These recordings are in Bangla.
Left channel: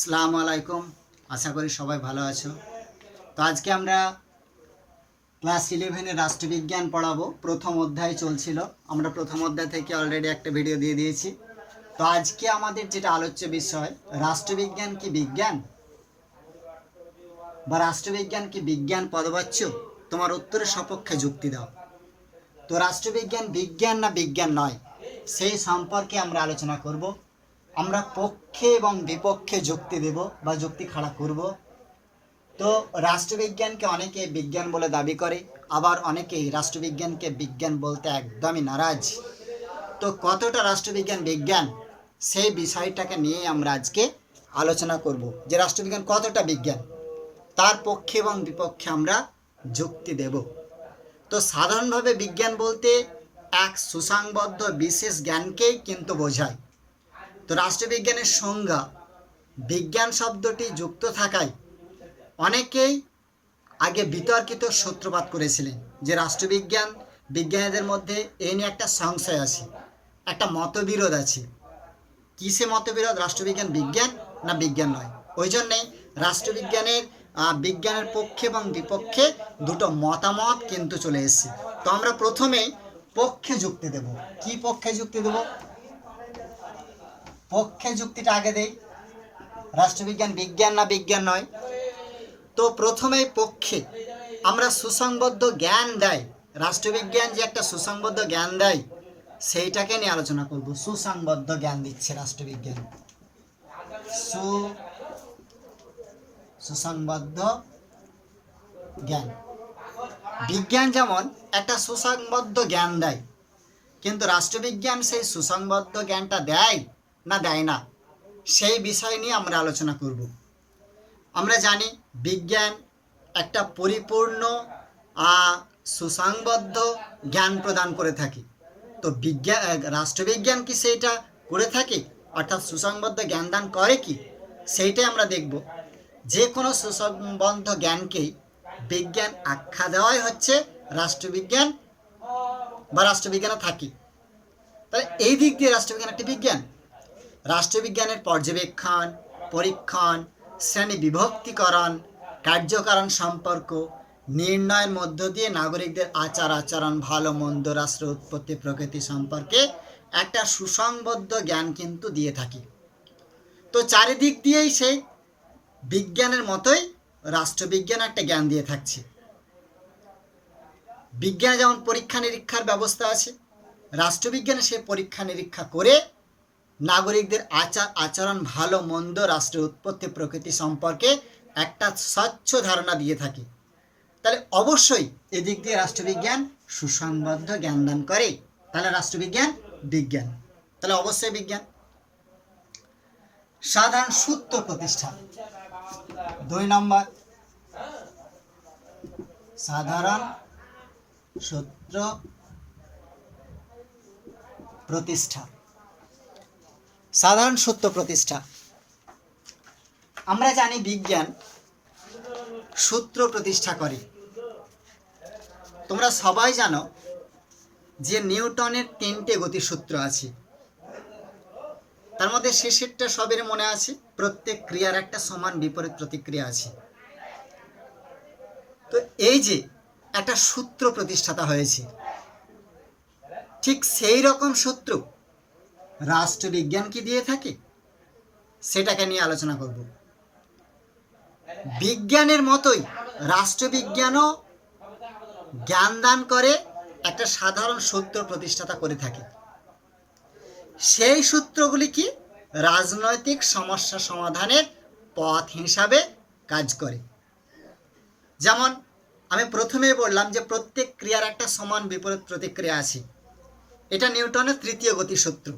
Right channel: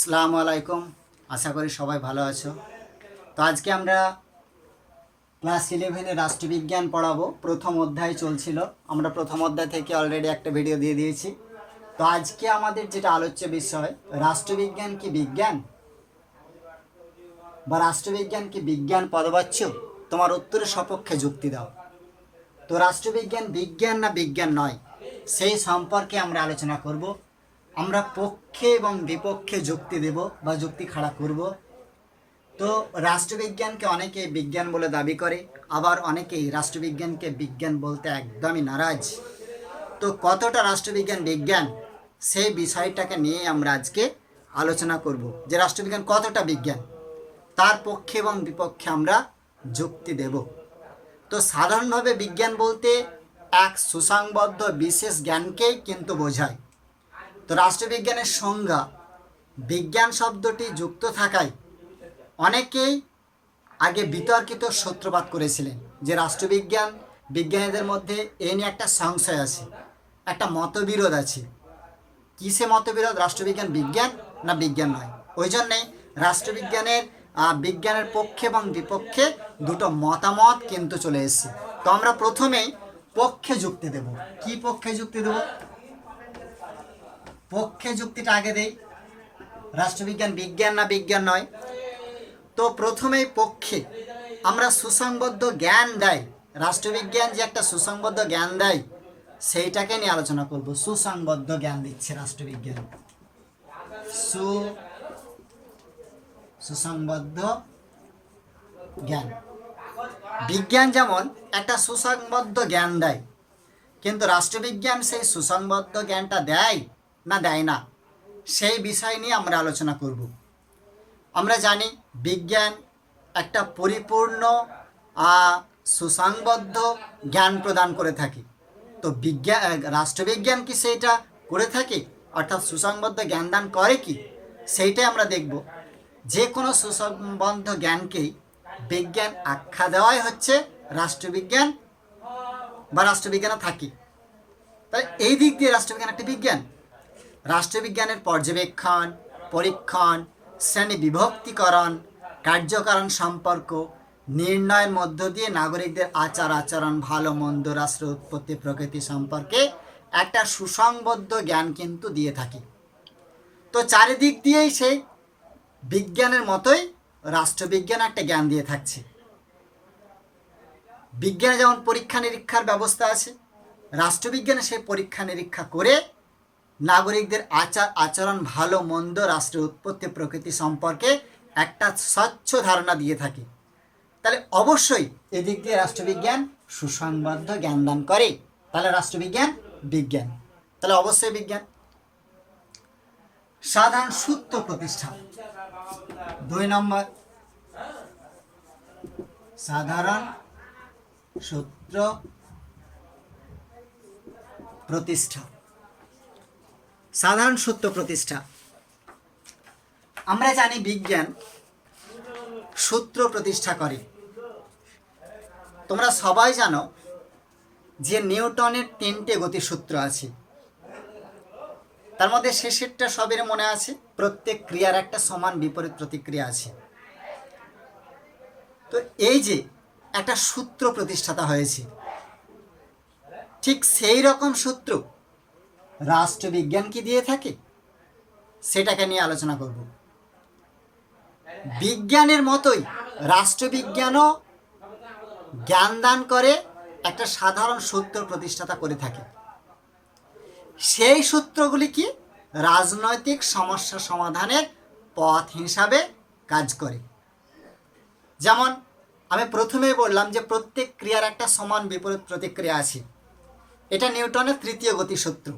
আসসালামু আলাইকুম। আশা করি সবাই ভালো আছো। তো আজকে আমরা ক্লাস 11-এ রাষ্ট্রবিজ্ঞান পড়াবো। প্রথম অধ্যায় চলছিল, আমরা প্রথম অধ্যায় থেকে অলরেডি একটা ভিডিও দিয়ে দিয়েছি। তো আজকে আমাদের যেটা আলোচ্য বিষয়, রাষ্ট্রবিজ্ঞান কি বিজ্ঞান বা রাষ্ট্রবিজ্ঞান কি বিজ্ঞান পদবাচ্য? তোমার উত্তরের সপক্ষে যুক্তি দাও। তো রাষ্ট্রবিজ্ঞান বিজ্ঞান না বিজ্ঞান নয়, সেই সম্পর্কে আমরা আলোচনা করব। আমরা পক্ষে এবং বিপক্ষে যুক্তি দেব বা যুক্তি খাড়া করব। তো রাষ্ট্রবিজ্ঞানকে অনেকে বিজ্ঞান বলে দাবি করে, আবার অনেকেই রাষ্ট্রবিজ্ঞানকে বিজ্ঞান বলতে একদমই নারাজ। তো কতটা রাষ্ট্রবিজ্ঞান বিজ্ঞান, সেই বিষয়টাকে নিয়ে আমরা আজকে আলোচনা করব, যে রাষ্ট্রবিজ্ঞান কতটা বিজ্ঞান, তার পক্ষে এবং বিপক্ষে আমরা যুক্তি দেব। তো সাধারণভাবে বিজ্ঞান বলতে এক সুসংবদ্ধ বিশেষ জ্ঞানকেই কিন্তু বোঝায়। তো রাষ্ট্রবিজ্ঞানের সংজ্ঞা বিজ্ঞান শব্দটি যুক্ত থাকায় অনেকেই আগে বিতর্কিত সূত্রপাত করেছিলেন যে রাষ্ট্রবিজ্ঞান, বিজ্ঞানীদের মধ্যে এ নিয়ে একটা সংশয় আছে, একটা মতবিরোধ আছে। কিসে মতবিরোধ? রাষ্ট্রবিজ্ঞান বিজ্ঞান না বিজ্ঞান নয়। ওই জন্যেই বিজ্ঞানের পক্ষে এবং বিপক্ষে দুটো মতামত কিন্তু চলে এসেছে। তো আমরা প্রথমেই পক্ষে যুক্তি দেব। কি পক্ষে যুক্তি দেব? পক্ষে যুক্তিটা আগে দেই, রাষ্ট্রবিজ্ঞান বিজ্ঞান না বিজ্ঞান নয়। তো প্রথমেই পক্ষে আমরা সুসংবদ্ধ জ্ঞান দেয়, রাষ্ট্রবিজ্ঞান যে একটা সুসংবদ্ধ জ্ঞান দেয় সেইটাকে নিয়ে আলোচনা করব। সুসংবদ্ধ জ্ঞান দিচ্ছে রাষ্ট্রবিজ্ঞান, সুসংবদ্ধ জ্ঞান। বিজ্ঞান যেমন একটা সুসংবদ্ধ জ্ঞান দেয়, কিন্তু রাষ্ট্রবিজ্ঞান সেই সুসংবদ্ধ জ্ঞানটা দেয় না দেয় না, সেই বিষয় নিয়ে আমরা আলোচনা করব। আমরা জানি বিজ্ঞান একটা পরিপূর্ণ সুসংবদ্ধ জ্ঞান প্রদান করে থাকে। তো রাষ্ট্রবিজ্ঞান কি সেইটা করে থাকে, অর্থাৎ সুসংবদ্ধ জ্ঞান দান করে কি, সেইটাই আমরা দেখব। যে কোনো সুসংবদ্ধ জ্ঞানকেই বিজ্ঞান আখ্যা দেওয়াই হচ্ছে রাষ্ট্রবিজ্ঞান বা রাষ্ট্রবিজ্ঞানে থাকে। তাহলে এই দিক দিয়ে রাষ্ট্রবিজ্ঞান একটি বিজ্ঞান। রাষ্ট্রবিজ্ঞানের পর্যবেক্ষণ, পরীক্ষণ, শ্রেণী বিভক্তিকরণ, কার্যকারণ সম্পর্ক নির্ণয়ের মধ্য দিয়ে নাগরিকদের আচার আচরণ, ভালো মন্দ, রাষ্ট্র উৎপত্তি প্রকৃতি সম্পর্কে একটা সুসংবদ্ধ জ্ঞান কিন্তু দিয়ে থাকি। তো চারিদিক দিয়েই সেই বিজ্ঞানের মতোই রাষ্ট্রবিজ্ঞান একটা জ্ঞান দিয়ে থাকছে। বিজ্ঞানে যেমন পরীক্ষা নিরীক্ষার ব্যবস্থা আছে, রাষ্ট্রবিজ্ঞানে সেই পরীক্ষা নিরীক্ষা করে নাগরিকদের আচার আচরণ, ভালো মন্দ, রাষ্ট্রের উৎপত্তি প্রকৃতি সম্পর্কে একটা স্বচ্ছ ধারণা দিয়ে থাকে। তাহলে অবশ্যই এদিক দিয়ে রাষ্ট্রবিজ্ঞান সুসংবদ্ধ জ্ঞান দান করে। তাহলে রাষ্ট্রবিজ্ঞান বিজ্ঞান, তাহলে অবশ্যই বিজ্ঞান। সাধারণ সূত্র প্রতিষ্ঠা, 2 নম্বর, সাধারণ সূত্র প্রতিষ্ঠা। সাধারণ সূত্র প্রতিষ্ঠা, আমরা জানি বিজ্ঞান সূত্র প্রতিষ্ঠা করে। তোমরা সবাই জানো যে নিউটনের 3টে গতিসূত্র আছে, তার মধ্যে শেষেরটা সবের মনে আছে, প্রত্যেক ক্রিয়ার একটা সমান বিপরীত প্রতিক্রিয়া আছে। তো এই যে একটা সূত্র প্রতিষ্ঠাতা হয়েছে, ঠিক সেই রকম সূত্র রাষ্ট্রবিজ্ঞান কি দিয়ে থাকে, সেটাকে নিয়ে আলোচনা করব। বিজ্ঞানের মতোই রাষ্ট্রবিজ্ঞানও জ্ঞান দান করে, একটা সাধারণ সূত্র প্রতিষ্ঠাতা করে থাকে। সেই সূত্রগুলি কি রাজনৈতিক সমস্যা সমাধানের পথ হিসাবে কাজ করে। যেমন আমি প্রথমেই বললাম যে প্রত্যেক ক্রিয়ার একটা সমান বিপরীত প্রতিক্রিয়া আছে, এটা নিউটনের 3য় গতিসূত্র।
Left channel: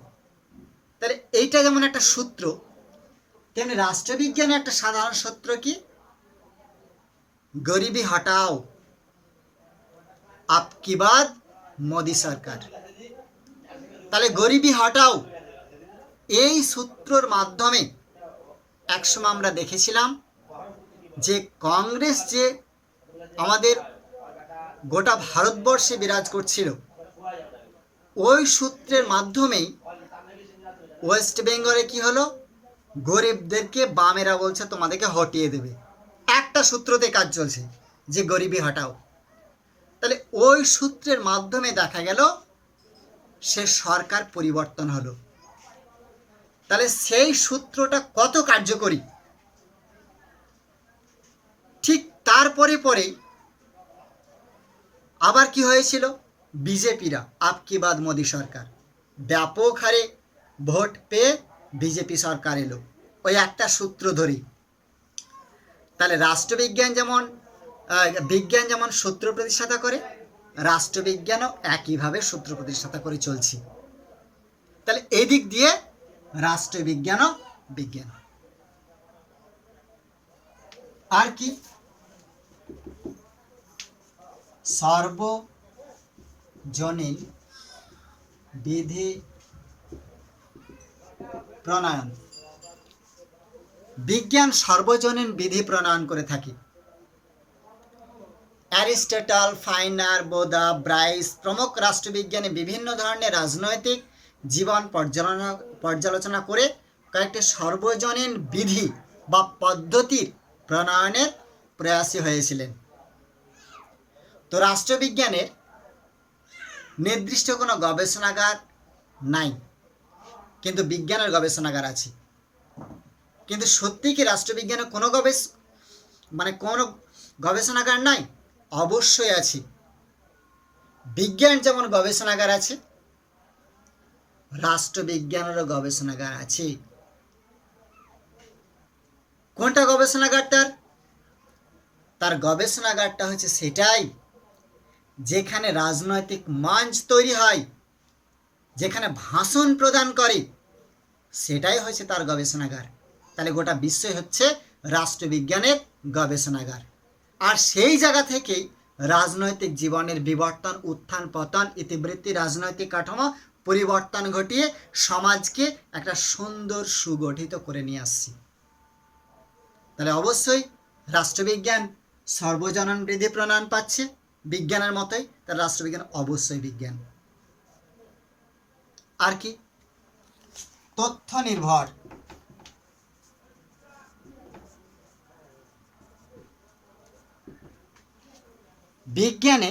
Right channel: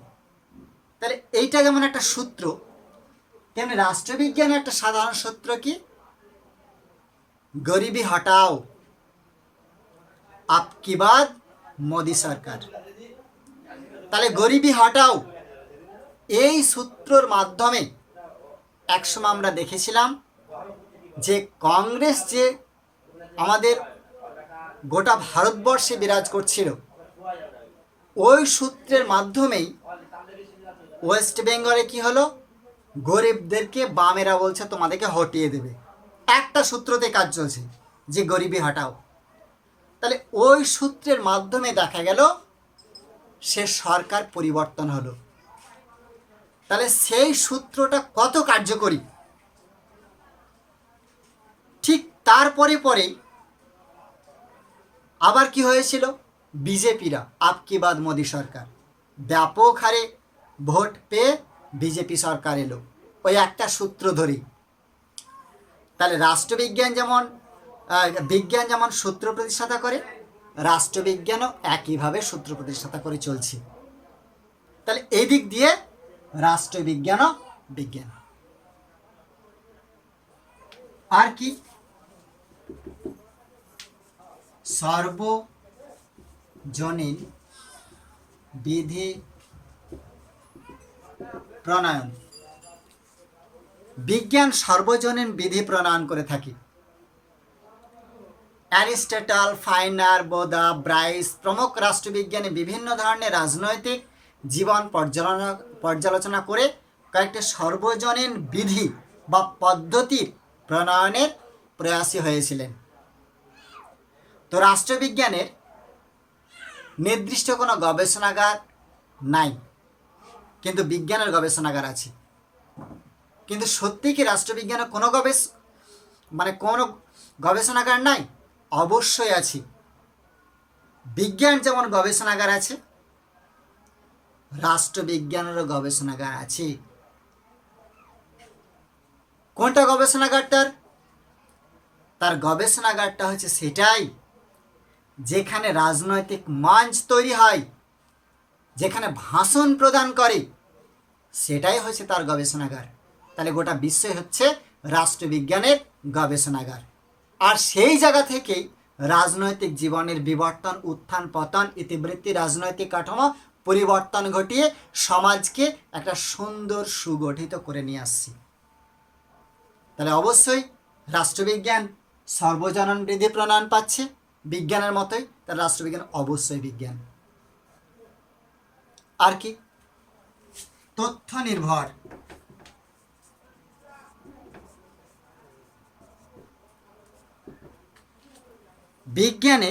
তাহলে এইটা যেমন একটা সূত্র, তেমনি রাষ্ট্রবিজ্ঞানের একটা সাধারণ সূত্র কি, গরিবি হটাও আপকি বাদ মোদি সরকার। তাহলে গরিবি হটাও এই সূত্রর মাধ্যমে একসময় আমরা দেখেছিলাম যে কংগ্রেস যে আমাদের গোটা ভারতবর্ষে বিরাজ করছিল, ওই সূত্রের মাধ্যমেই ওয়েস্ট বেঙ্গলে কি হলো, গরিবদেরকে বামেরা বলছে তোমাদেরকে হটিয়ে দেবে, একটা সূত্রতে কাজ চলছে যে গরিবি হটাও। তাহলে ওই সূত্রের মাধ্যমে দেখা গেল সে সরকার পরিবর্তন হলো। তাহলে সেই সূত্রটা কত কার্যকরী, ঠিক তারপরে পরেই আবার কি হয়েছিল, বিজেপিরা আপকি বাদ মোদী সরকার, ব্যাপক হারে ভোট পেয়ে বিজেপি সরকার এলো ওই একটা সূত্র ধরেই। তাহলে বিজ্ঞান যেমন সূত্র প্রতিষ্ঠাতা করে, রাষ্ট্রবিজ্ঞানও একইভাবে সূত্র প্রতিষ্ঠাতা করে চলছে। তাহলে এই দিক দিয়ে রাষ্ট্রবিজ্ঞানও বিজ্ঞান। আর কি, সর্বজনীন বিধি প্রণয়ন। বিজ্ঞান সর্বজনীন বিধি প্রণয়ন করে থাকে। অ্যারিস্টটল, ফাইনার, বোদা, ব্রাইস প্রমুখ রাষ্ট্রবিজ্ঞানী বিভিন্ন ধরনের রাজনৈতিক জীবন পর্যালোচনা করে কয়েকটি সর্বজনীন বিধি বা পদ্ধতির প্রণয়নের প্রয়াসী হয়েছিলেন। তো রাষ্ট্রবিজ্ঞানের নির্দিষ্ট কোনো গবেষণাগার নাই, কিন্তু বিজ্ঞানের গবেষণাগার আছে। কিন্তু সত্যি কি রাষ্ট্রবিজ্ঞানের কোনো গবেষণাগার নাই? অবশ্যই আছে। বিজ্ঞান যেমন গবেষণাগার আছে, রাষ্ট্রবিজ্ঞানেরও গবেষণাগার আছে। কোনটা গবেষণাগারটার? তার গবেষণাগারটা হচ্ছে সেটাই যেখানে রাজনৈতিক মঞ্চ তৈরি হয়, যেখানে ভাষণ প্রদান করে, সেটাই হচ্ছে তার গবেষণাগার। তাহলে গোটা বিশ্বই হচ্ছে রাষ্ট্রবিজ্ঞানের গবেষণাগার। আর সেই জায়গা থেকেই রাজনৈতিক জীবনের বিবর্তন, উত্থান পতন, ইতিবৃত্তি, রাজনৈতিক কাঠামো পরিবর্তন ঘটিয়ে সমাজকে একটা সুন্দর সুগঠিত করে নিয়ে আসছি। তাহলে অবশ্যই রাষ্ট্রবিজ্ঞান সর্বজনীন বিধি প্রণয়ন পাচ্ছে বিজ্ঞানের মতোই, তাহলে রাষ্ট্রবিজ্ঞান অবশ্যই বিজ্ঞান। আর কি, তথ্য নির্ভর। বিজ্ঞানে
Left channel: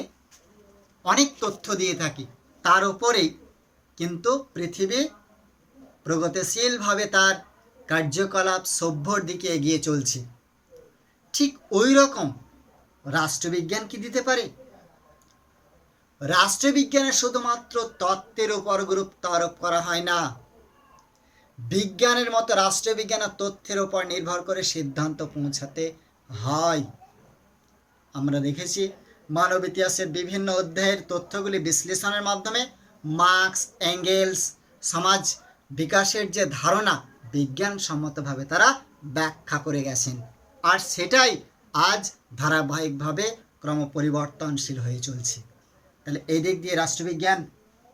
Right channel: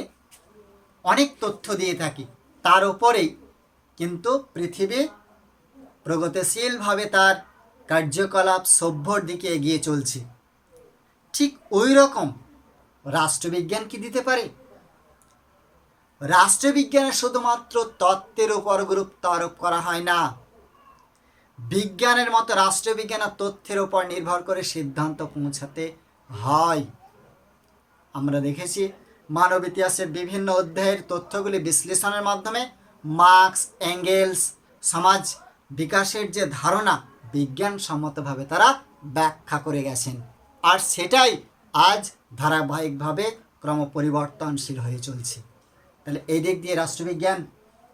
অনেক তথ্য দিয়ে থাকি, তার উপরেই কিন্তু পৃথিবী প্রগতিশীলভাবে তার কার্যকলাপ সভ্যর দিকে এগিয়ে চলছে। ঠিক ওই রকম রাষ্ট্রবিজ্ঞান কি দিতে পারে? রাষ্ট্রবিজ্ঞানে শুধুমাত্র তত্ত্বের উপর গুরুত্ব আরোপ করা হয় না, বিজ্ঞানের মতো রাষ্ট্রবিজ্ঞান তথ্যের উপর নির্ভর করে সিদ্ধান্ত পৌঁছাতে হয়। আমরা দেখেছি মানব ইতিহাসের বিভিন্ন অধ্যায়ের তথ্যগুলি বিশ্লেষণের মাধ্যমে মার্কস, এঙ্গেলস সমাজ বিকাশের যে ধারণা বিজ্ঞানসম্মতভাবে তারা ব্যাখ্যা করে গেছেন। আর সেটাই আজ ধারাবাহিকভাবে ক্রমপরিবর্তনশীল হয়ে চলছে। তাহলে এই দিক দিয়ে রাষ্ট্রবিজ্ঞান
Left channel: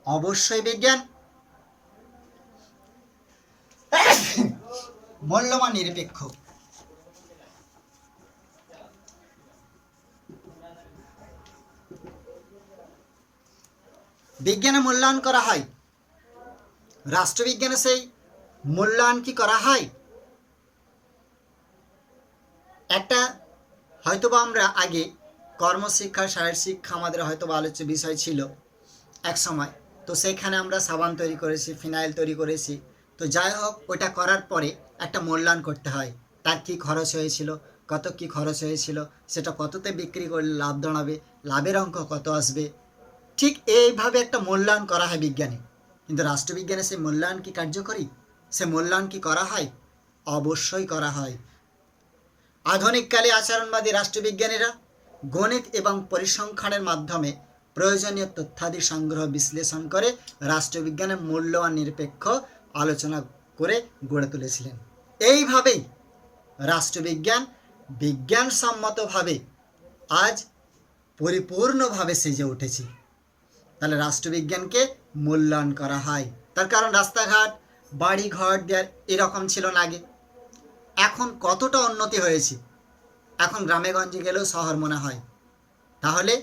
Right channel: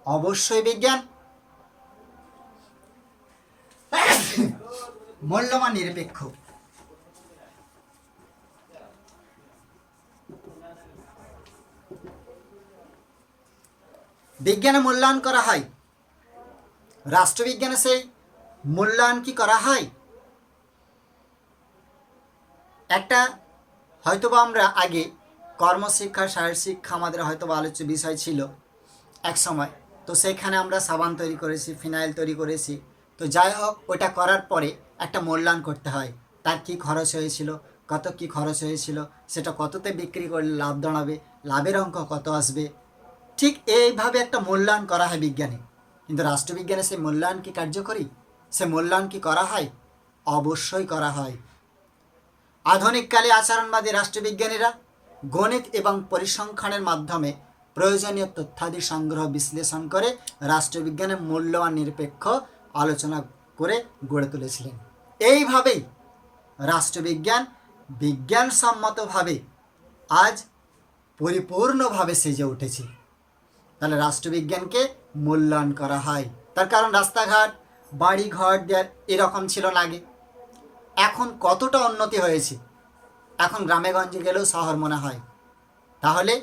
অবশ্যই বিজ্ঞান। মূল্যমান নিরপেক্ষ। বিজ্ঞানে মূল্যায়ন করা হয়, রাষ্ট্রবিজ্ঞানে সেই মূল্যায়ন কি করা হয়? একটা হয়তোবা আমরা আগে কর্মশিক্ষা, শারীরিক শিক্ষা আমাদের হয়তোবা আলোচ্য বিষয় ছিল এক সময়, তো সেখানে আমরা সাবান তৈরি করেছি, ফিনাইল তৈরি করেছি। তো যাই হোক, ওটা করার পরে একটা মূল্যায়ন করতে হয়, তার কি খরচ হয়েছিল, কত কি খরচ হয়েছিল, সেটা কততে বিক্রি করলে লাভ দাঁড়াবে, লাভের অঙ্ক কত আসবে। ঠিক এইভাবে একটা মূল্যায়ন করা হয় বিজ্ঞানে। কিন্তু রাষ্ট্রবিজ্ঞানে সেই মূল্যায়ন কি কার্যকরী? সে মূল্যায়ন কি করা হয়? অবশ্যই করা হয়। আধুনিককালে আচরণবাদী রাষ্ট্রবিজ্ঞানীরা গণিত এবং পরিসংখ্যানের মাধ্যমে প্রয়োজনীয় তথ্যাদি সংগ্রহ, বিশ্লেষণ করে রাষ্ট্রবিজ্ঞানের মূল্যবান নিরপেক্ষ আলোচনা করে গড়ে তুলেছিলেন। এইভাবেই রাষ্ট্রবিজ্ঞান বিজ্ঞানসম্মতভাবে আজ পরিপূর্ণভাবে সেজে উঠেছে। তাহলে রাষ্ট্রবিজ্ঞানকে মূল্যায়ন করা হয়। তার কারণ রাস্তাঘাট, বাড়ি ঘর দেওয়ার এরকম ছিল না আগে। এখন কতটা উন্নতি হয়েছে, এখন গ্রামে গঞ্জে গেলেও শহর মনে হয়। তাহলে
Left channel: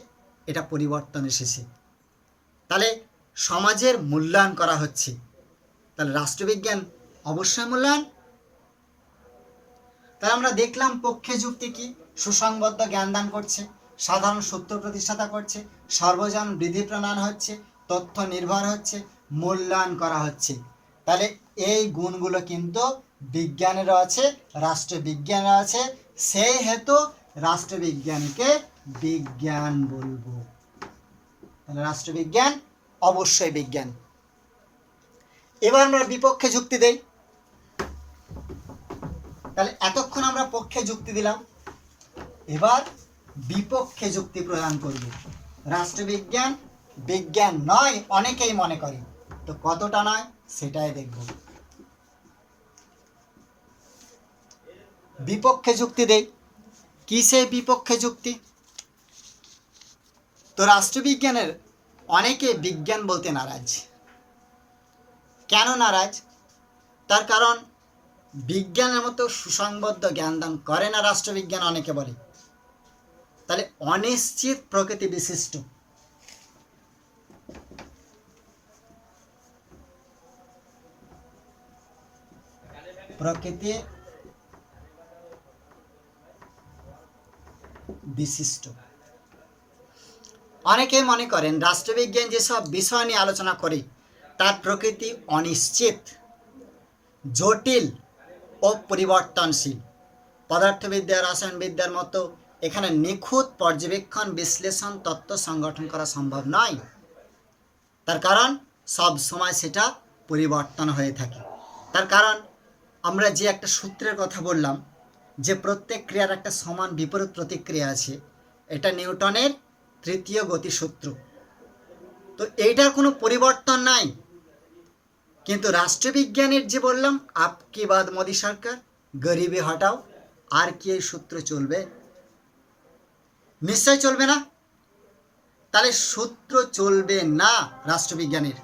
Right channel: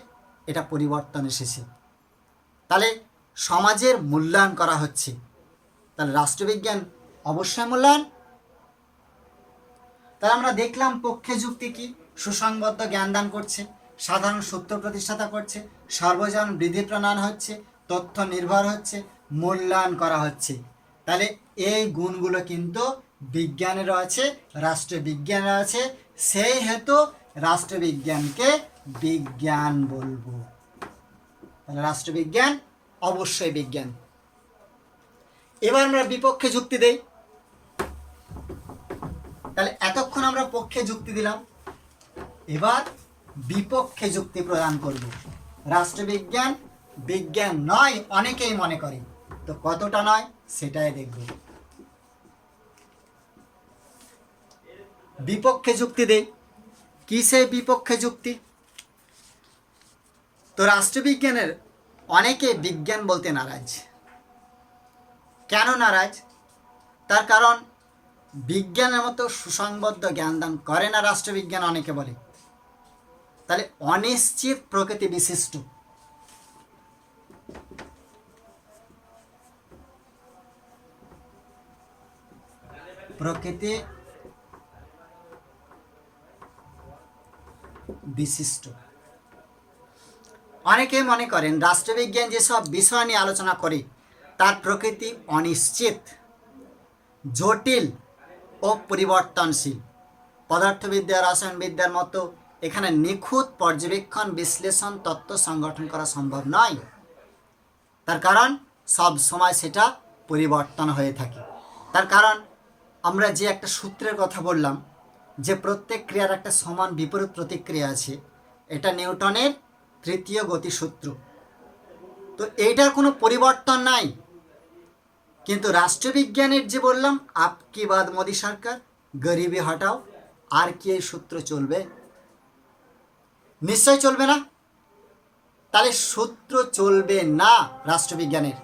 এটা পরিবর্তন এসেছে। তাহলে সমাজের মূল্যায়ন করা হচ্ছে। তাহলে রাষ্ট্রবিজ্ঞান অবশ্যই মূল্যায়ন। তাহলে আমরা দেখলাম পক্ষে যুক্তি কি, সুসংবদ্ধ জ্ঞান দান করছে, সাধারণ সূত্র প্রতিষ্ঠাতা করছে, সর্বজন বৃদ্ধি প্রণয়ন হচ্ছে, তথ্য নির্ভর হচ্ছে, মূল্যায়ন করা হচ্ছে। তাহলে এই গুণগুলো কিন্তু বিজ্ঞানেরও আছে, রাষ্ট্রবিজ্ঞানের আছে, সেই হেতু রাষ্ট্রবিজ্ঞানকে বিজ্ঞান বলবো। তাহলে রাষ্ট্রবিজ্ঞান অবশ্যই বিজ্ঞান। এবার আমরা বিপক্ষে যুক্তি দেই। তাহলে এতক্ষণ আমরা পক্ষে যুক্তি দিলাম, এবার বিপক্ষে যুক্তি প্রদান করব। রাষ্ট্রবিজ্ঞান বিজ্ঞান নয় অনেকেই মনে করে, তো কতটা নয় সেটাই দেখব। বিপক্ষে যুক্তি দেই। কি সেই বিপক্ষে যুক্তি? তো রাষ্ট্রবিজ্ঞানের অনেকে বিজ্ঞান বলতে নারাজ। কেন নারাজ? তার কারণ বিজ্ঞানের মতো সুসংবদ্ধ জ্ঞানদান করে না রাষ্ট্রবিজ্ঞান, অনেকে বলে। তাহলে অনিশ্চিত প্রকৃতি বিশিষ্ট, প্রকৃতি বিশিষ্ট। অনেকে মনে করেন রাষ্ট্রবিজ্ঞান যেসব বিষয় নিয়ে আলোচনা করে তার প্রকৃতি অনিশ্চিত, জটিল ও পরিবর্তনশীল। পদার্থবিদ্যা, রসায়নবিদ্যার মতো এখানে নিখুঁত পর্যবেক্ষণ, বিশ্লেষণ, তত্ত্ব সংগঠন করা সম্ভব নয়। তার কারণ সব সময় সেটা পরিবর্তন হয়ে থাকে। তার কারণ আমরা যে একটা সূত্রের কথা বললাম, যে প্রত্যেক ক্রিয়ার একটা সমান বিপরীত প্রতিক্রিয়া আছে, এটা নিউটনের তৃতীয় গতিসূত্র। তো এইটার কোনো পরিবর্তন নাই। কিন্তু রাষ্ট্রবিজ্ঞানের যে বললাম আপকি বাদ মোদী সরকার, গরিবি হটাও, আর কি এই সূত্র চলবে? নিশ্চয় চলবে না। তাহলে সূত্র চলবে না রাষ্ট্রবিজ্ঞানের,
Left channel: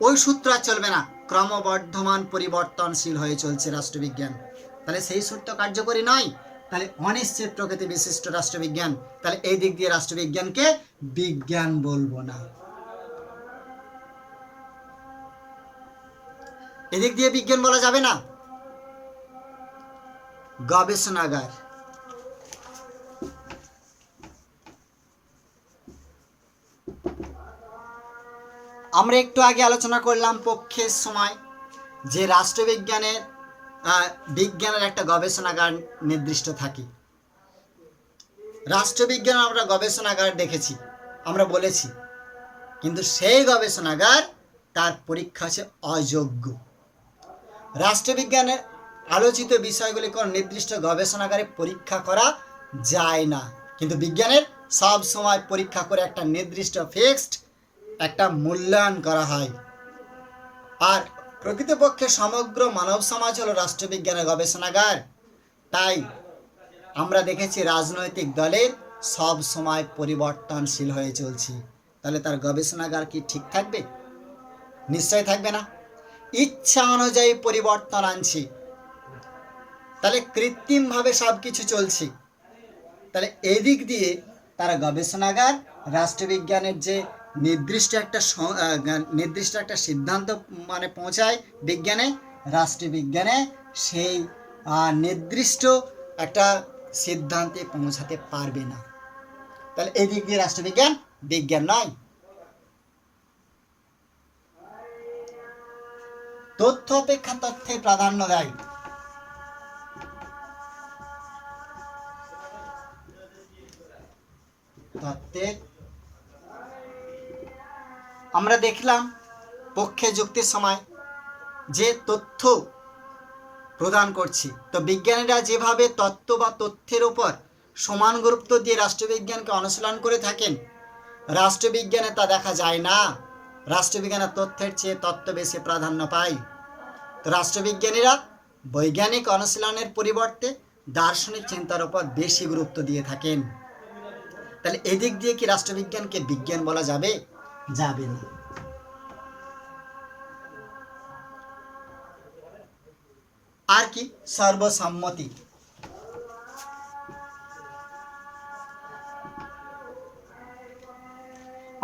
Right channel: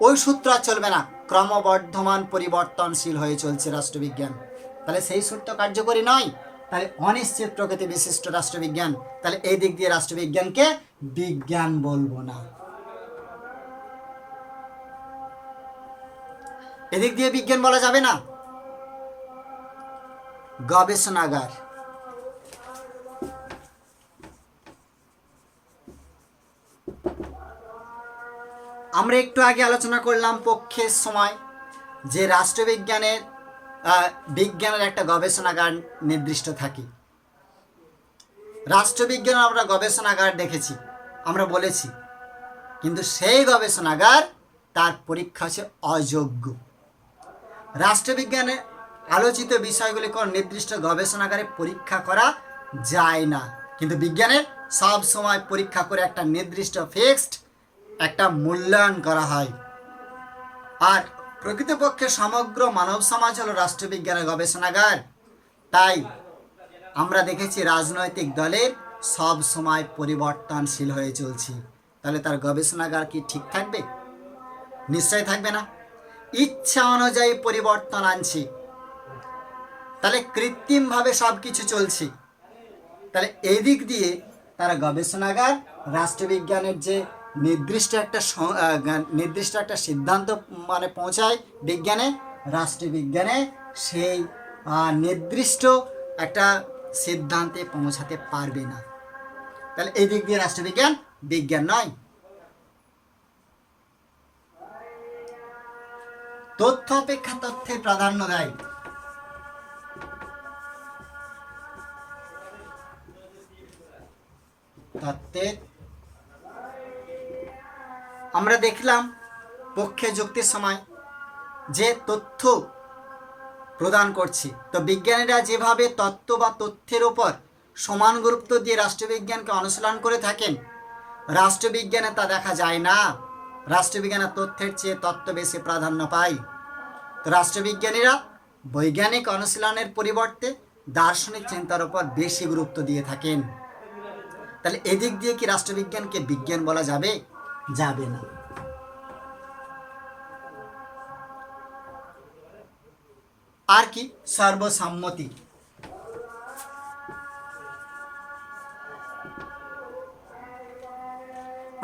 ওই সূত্র আর চলবে না। ক্রমবর্ধমান পরিবর্তনশীল হয়ে চলছে রাষ্ট্রবিজ্ঞান, তাহলে সেই সূত্র কার্যকরী নয়। তাহলে অনিশ্চিত প্রকৃতি বিশিষ্ট রাষ্ট্রবিজ্ঞান, তাহলে এই দিক দিয়ে রাষ্ট্রবিজ্ঞানকে বিজ্ঞান বলবো না। এদিক দিয়ে বিজ্ঞান বলা যাবে না। গবেষণাগার, আমরা একটু আগে আলোচনা করলাম পক্ষের সময় যে রাষ্ট্রবিজ্ঞানের বিজ্ঞানের একটা গবেষণাগার নির্দিষ্ট থাকে। রাষ্ট্রবিজ্ঞান আমরা গবেষণাগার দেখেছি, আমরা বলেছি, কিন্তু সেই গবেষণাগার তার পরীক্ষা হচ্ছে অযোগ্য। রাষ্ট্রবিজ্ঞানে আলোচিত বিষয়গুলি কোন নির্দিষ্ট গবেষণাগারে পরীক্ষা করা যায় না, কিন্তু বিজ্ঞানের সব সময় পরীক্ষা করে একটা নির্দিষ্ট ফিক্সড একটা মূল্যায়ন করা হয়। আর প্রকৃতপক্ষে সমগ্র মানব সমাজ হলো রাষ্ট্রবিজ্ঞানের গবেষণাগার। তাই আমরা দেখেছি রাজনৈতিক দলের সব সময় পরিবর্তনশীল হয়ে চলছে। তাহলে তার গবেষণাগার কি ঠিক থাকবে? নিশ্চয় থাকবে না। ইচ্ছা অনুযায়ী পরিবর্তন আনছি, তাহলে কৃত্রিমভাবে সব কিছু চলছে। তাহলে এই দিক দিয়ে তারা গবেষণাগার রাষ্ট্রবিজ্ঞানের যে নির্দিষ্ট একটা সিদ্ধান্ত মানে পৌঁছায় বিজ্ঞানে, রাষ্ট্রবিজ্ঞানে সেই নির্দিষ্ট একটা সিদ্ধান্তে পৌঁছাতে পারবে না। তাহলে এই দিক দিয়ে রাষ্ট্রবিজ্ঞান বিজ্ঞান নয়। তথ্য অপেক্ষা তথ্যে প্রাধান্য দেয়। তত্ত্বের আমরা দেখলাম পক্ষে যুক্তির সময় যে তথ্য প্রদান করছি, তো বিজ্ঞানীরা যেভাবে তত্ত্ব বা তথ্যের ওপর সমান গুরুত্ব দিয়ে রাষ্ট্রবিজ্ঞানকে অনুশীলন করে থাকেন, রাষ্ট্রবিজ্ঞানে তা দেখা যায় না। রাষ্ট্রবিজ্ঞানের তথ্যের চেয়ে তত্ত্ব বেশি প্রাধান্য পায়। তো রাষ্ট্রবিজ্ঞানীরা বৈজ্ঞানিক অনুশীলনের পরিবর্তে দার্শনিক চিন্তার উপর বেশি গুরুত্ব দিয়ে থাকেন। তাহলে এদিক দিয়ে কি রাষ্ট্রবিজ্ঞানকে বিজ্ঞান বলা যাবে? যাবে না। আর কি? সর্বসম্মতি।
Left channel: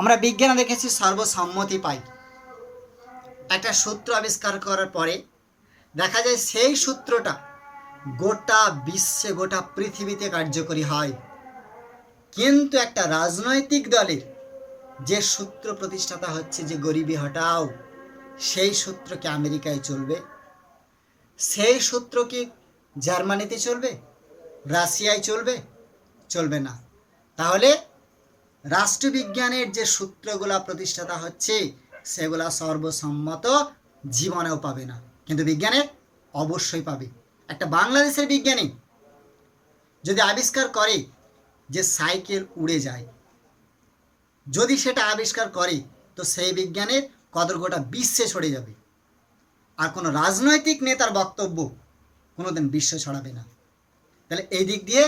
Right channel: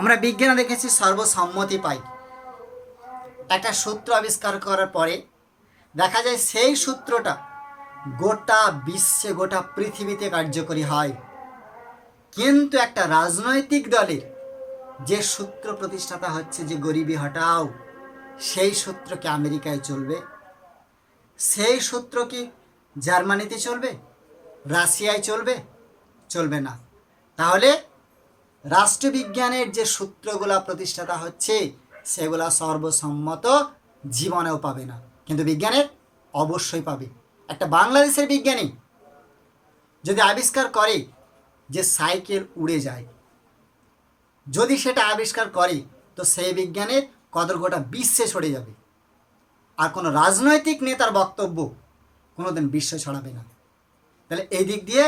আমরা বিজ্ঞানে দেখেছি সর্বসম্মতি পাই। একটা সূত্র আবিষ্কার করার পরে দেখা যায় সেই সূত্রটা গোটা বিশ্বে, গোটা পৃথিবীতে কার্যকরী হয়। কিন্তু একটা রাজনৈতিক দলের যে সূত্র প্রতিষ্ঠাতা হচ্ছে যে গরিবি হটাও, সেই সূত্র কি আমেরিকায় চলবে? সেই সূত্র কি জার্মানিতে চলবে? রাশিয়ায় চলবে? চলবে না। তাহলে রাষ্ট্রবিজ্ঞানের যে সূত্রগুলা প্রতিষ্ঠাতা হচ্ছে সেগুলা সর্বসম্মত জীবনেও পাবে না, কিন্তু বিজ্ঞানের অবশ্যই পাবে। একটা বাংলাদেশের বিজ্ঞানী যদি আবিষ্কার করে যে সাইকেল উড়ে যায়, যদি সেটা আবিষ্কার করে, তো সেই বিজ্ঞানের কদর গোটা বিশ্বে ছড়ে যাবে। আর কোনো রাজনৈতিক নেতার বক্তব্য কোনোদিন বিশ্বে ছড়াবে না। তাহলে এই দিক দিয়ে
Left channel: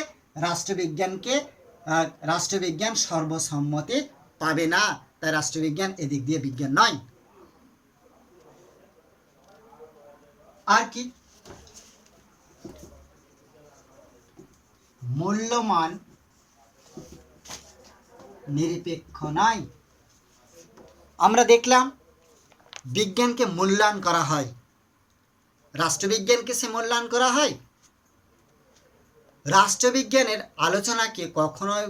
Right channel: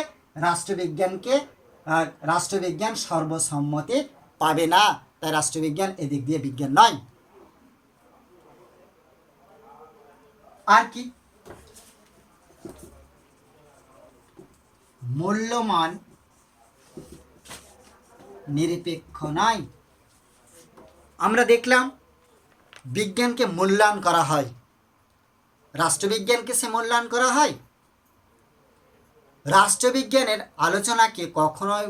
রাষ্ট্রবিজ্ঞান সর্বসম্মতি পাবে না। তাই রাষ্ট্রবিজ্ঞান এদিক দিয়ে বিজ্ঞান নয়। আর কি? মূল্যমান নিরপেক্ষ নয়। আমরা দেখলাম বিজ্ঞানকে মূল্যায়ন করা হয়, রাষ্ট্রবিজ্ঞানকে সে মূল্যায়ন করা হয়। রাষ্ট্রবিজ্ঞানের আলোচনাকে কখনোই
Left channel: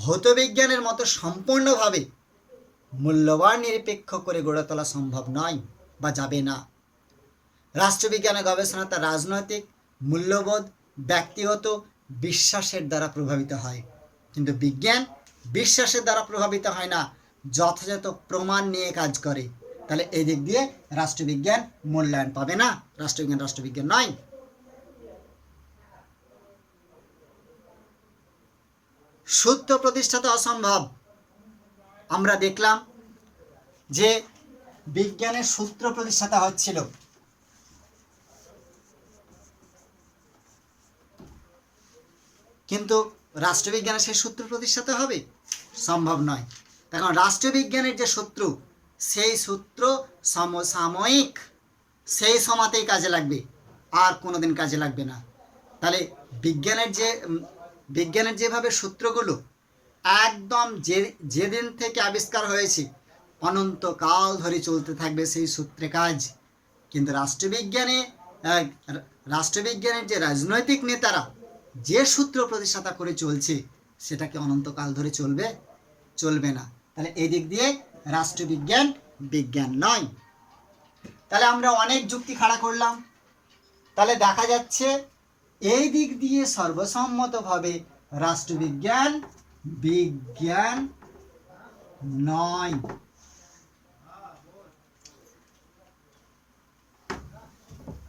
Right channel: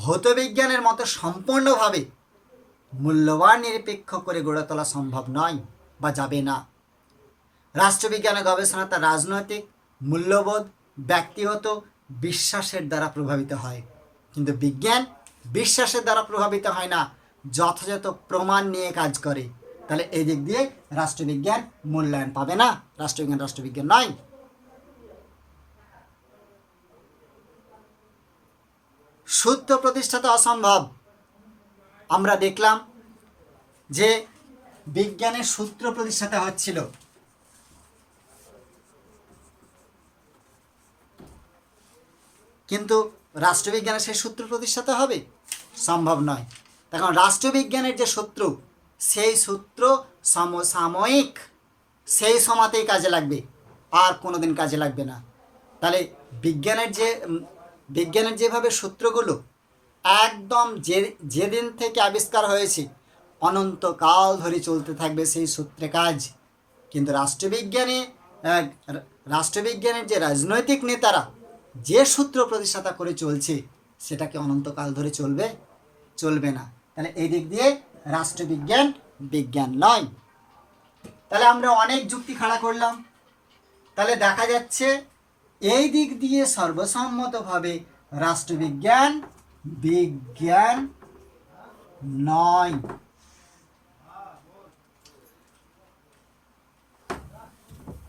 ভৌতবিজ্ঞানের মতো সম্পূর্ণভাবে মূল্যবান নিরপেক্ষ করে গড়ে তোলা সম্ভব নয় বা যাবে না। রাষ্ট্রবিজ্ঞানের গবেষণা তার রাজনৈতিক মূল্যবোধ, ব্যক্তিগত বিশ্বাসের দ্বারা প্রভাবিত হয়, কিন্তু বিজ্ঞান বিশ্বাসের দ্বারা প্রভাবিত হয় না, যথাযথ প্রমাণ নিয়ে কাজ করে। তাহলে এই দিক দিয়ে রাষ্ট্রবিজ্ঞান মূল্যায়ন পাবে না। রাষ্ট্রবিজ্ঞান নয়। সূত্র প্রতিষ্ঠাতা অসম্ভব। আমরা দেখলাম যে বিজ্ঞানের সূত্র প্রতিষ্ঠাতা হচ্ছিল, কিন্তু রাষ্ট্রবিজ্ঞানের সেই সূত্র প্রতিষ্ঠাতা হবে? সম্ভব নয়। কারণ রাষ্ট্রবিজ্ঞানের যে সূত্র, সেই সূত্র সমসাময়িক, সেই সময়তেই কাজে লাগবে, আর কোনোদিন কাজে লাগবে না। তাহলে বিজ্ঞানের যেভাবে সূত্রগুলো একদম যেদিন থেকে আবিষ্কার হয়েছে অনন্তকাল ধরে চলতে থাকবে সেই সূত্রে কাজ। কিন্তু রাষ্ট্রবিজ্ঞানের যে রাজনৈতিক নেতারা যে সূত্র প্রতিষ্ঠাতা করে চলছে, সেটা কি অনন্তকাল ধরে চলবে? চলবে না। তাহলে এই দিক দিয়ে রাষ্ট্রবিজ্ঞান বিজ্ঞান নয়। তাহলে আমরা অনেক যুক্তি খাড়া করলাম। তাহলে দেখা যাচ্ছে এই দিক দিয়ে সর্বসম্মতভাবে রাষ্ট্রবিজ্ঞান বিজ্ঞান নয়।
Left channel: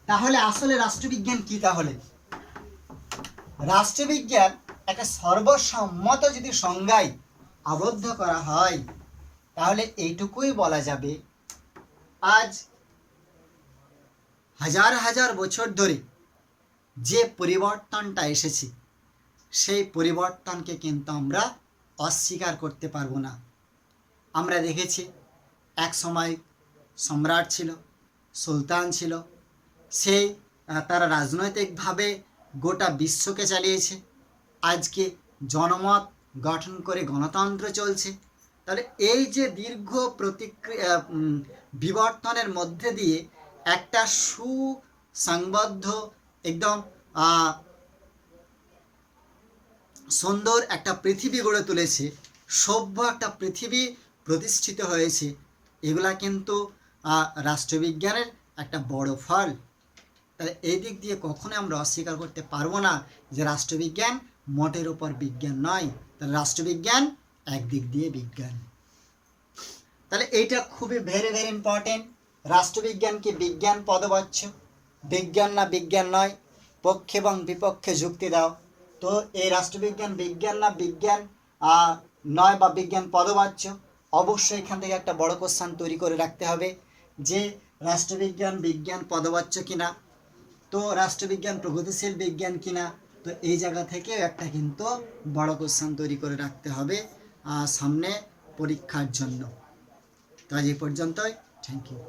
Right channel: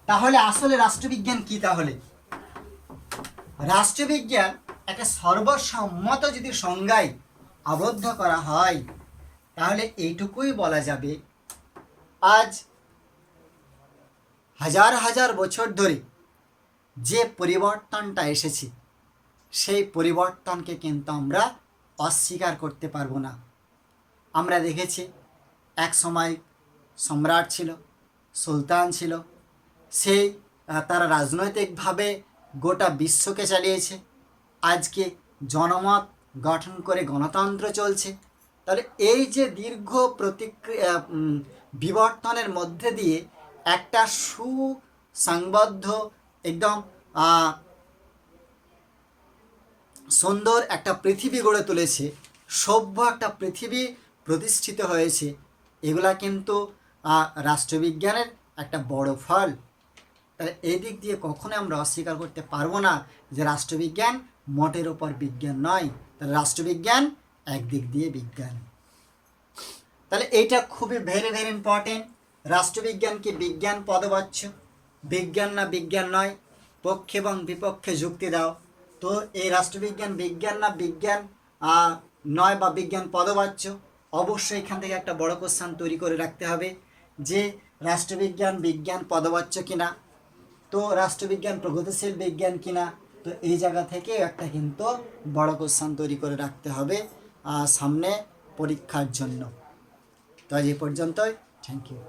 তাহলে আসলে রাষ্ট্রবিজ্ঞান কি? তাহলে রাষ্ট্রবিজ্ঞান একটা সর্বসম্মত যদি সংজ্ঞায় আবদ্ধ করা হয়, তাহলে এইটুকুই বলা যাবে, আজ হাজার হাজার বছর ধরে যে পরিবর্তনটা এসেছে, সেই পরিবর্তনকে কিন্তু আমরা অস্বীকার করতে পারবো না। আমরা দেখেছি এক সময় সম্রাট ছিল, সুলতান ছিল, সেই তারা রাজনৈতিকভাবে গোটা বিশ্বকে চালিয়েছে। আজকে জনমত গঠন করে গণতন্ত্র চলছে। তাহলে এই যে দীর্ঘ বিবর্তনের মধ্যে দিয়ে একটা সুসংবদ্ধ একদম সুন্দর একটা পৃথিবী গড়ে তুলেছে, সভ্য একটা পৃথিবী প্রতিষ্ঠিত হয়েছে, এগুলা কিন্তু রাষ্ট্রবিজ্ঞানের একটা বড় ফল। তাহলে এই দিক দিয়ে কখনোই আমরা অস্বীকার করতে পারবো না যে রাষ্ট্রবিজ্ঞান মোটের উপর বিজ্ঞান নয়। তাহলে রাষ্ট্রবিজ্ঞান একদিক দিয়ে বিজ্ঞান। তাহলে এইটা খুবই ভেরি ভেরি ইম্পর্টেন্ট। রাষ্ট্রবিজ্ঞানকে বিজ্ঞান পদবাচ্য, বিজ্ঞান না বিজ্ঞান নয়, পক্ষে এবং বিপক্ষে যুক্তি দাও। তো এই রাষ্ট্রবিজ্ঞান বিজ্ঞান না বিজ্ঞান নয় বা বিজ্ঞান পদবাচ্য, অবশ্যই এখান থেকে একটা বড় কোশ্চেন তৈরি করে রাখতে হবে যে রাষ্ট্রবিজ্ঞান বিজ্ঞান পদবাচ্য কিনা, তো রাষ্ট্রবিজ্ঞান প্রগতিশীল বিজ্ঞান কিনা। তো এই জায়গা থেকে একটা কিন্তু বড় কোশ্চেন তৈরি করে রাখতে হবে সামনে পরীক্ষার জন্য। তো আজ এই পর্যন্তই। Thank you.